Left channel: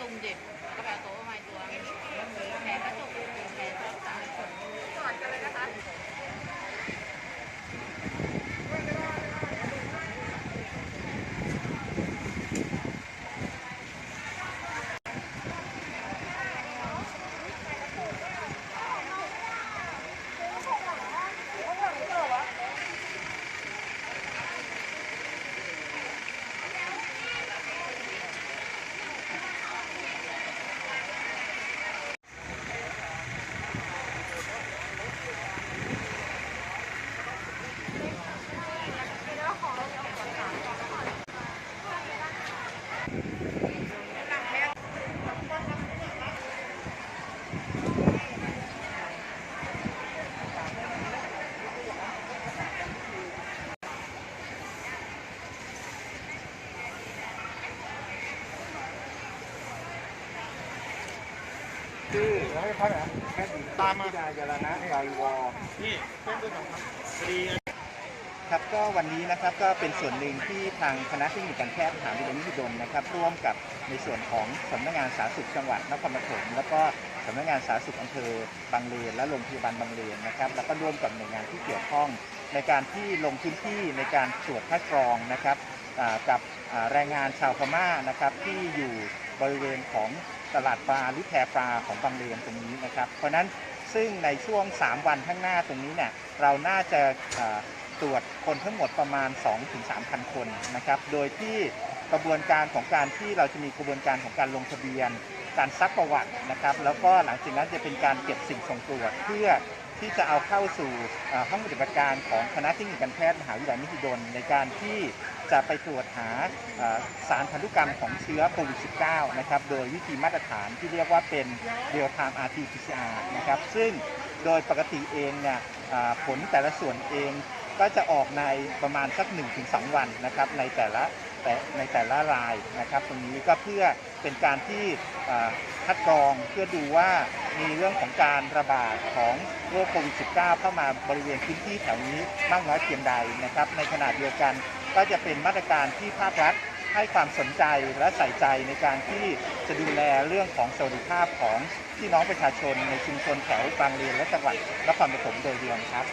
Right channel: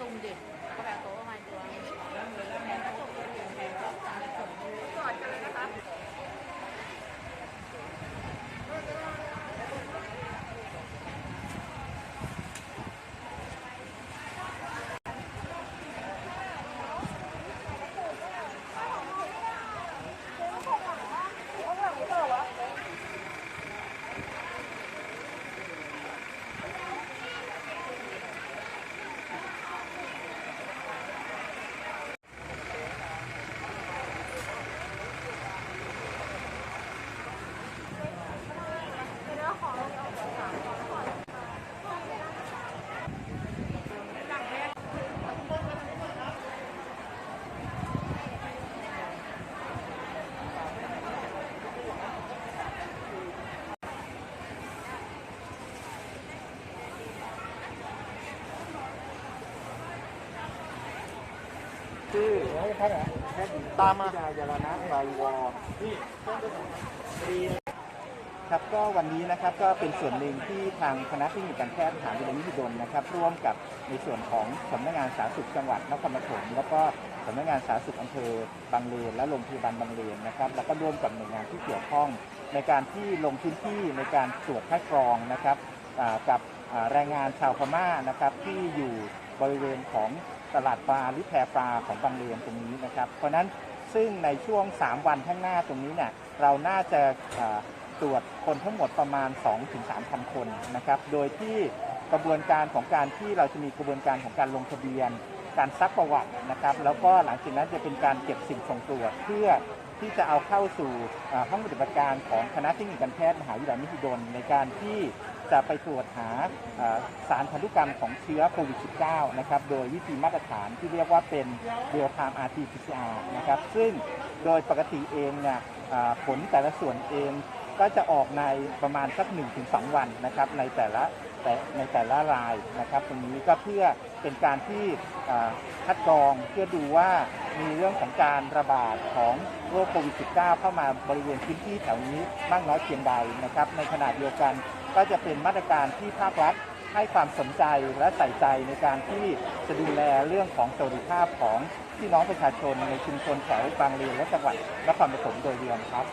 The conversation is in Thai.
ตุ่มดิบแล้วก็ไปเอาโต๊ะมาตัวแผลกระจกแผลรักษาเสริม ชื่อแล้วจะพักเหรอแพทย์หญิงตามมาดายาลนะไกรวอครับก็วันนี้นะครับก็เป็นส่วนหนึ่งที่ทางคณะเทคนิคการแพทย์มหาวิทยาลัยมหิดลนะครับ ร่วมกับในส่วนของสำนักงานสาธารณสุขจังหวัดนครปฐมแล้วก็สำนักงานสาธารณสุขอำเภอบางเลนและโรงพยาบาลบางเลนนะครับ แล้วก็ร่วมกับหน่วยงานที่เกี่ยวข้อง ในการที่ลงพื้นที่ในการตรวจคัดกรองนะครับกับแรงงานชาวพม่านะครับที่อยู่ บริเวณของตลาดปลาหรือแพปลาของบางเลนตรงนี้นะครับ เพราะฉะนั้นซึ่งในช่วง 3 วันข้างหน้าตรงนี้เนี่ยเราน่าจะตรวจคนทั้งหมดประมาณ 2-3,000 คนนะครับ โดยที่กระบวนการของการที่เราจะมีกระบวนการของการลงทะเบียน การซักประวัตินะครับ แล้วก็หลังจากนั้นจะเป็นการเก็บสิ่งส่งตรวจเพื่อที่จะเอาเข้าสู่ห้องปฏิบัติการของคณะเทคนิคการแพทย์มหาวิทยาลัยมหิดลในการที่ จะไปตรวจหาสารพันธุกรรมของเชื้อโควิด -19 นะครับ โดยวิธีมาตรฐานที่เรียกว่าเป็น real time RT-PCR นะครับ ซึ่งโดยปกติเองเนี่ยผลแต่ละส่วนเองก็จะออกในประมาณสัก 1-2 วันนะครับในแต่ละแต่ในแต่ละรายนะครับ ตรงนี้ก็เพื่อเป็นการที่คัดกรองเพื่อดูว่ามีเรื่องของการระบาดของโรคโควิด -19 เข้ามาบริเวณพื้นที่แถวนี้มากน้อยเพียงใดนะครับ ในขณะเดียวกัน ก็จะเป็นมาตรการที่ภาครัฐให้ความสนใจและใส่ใจในการที่จะดูแลเรื่องของสวัสดิภาพของพี่น้องประชาชนในชุมชนแถวบางเลนและจังหวัดนครปฐมโดยรวมครับ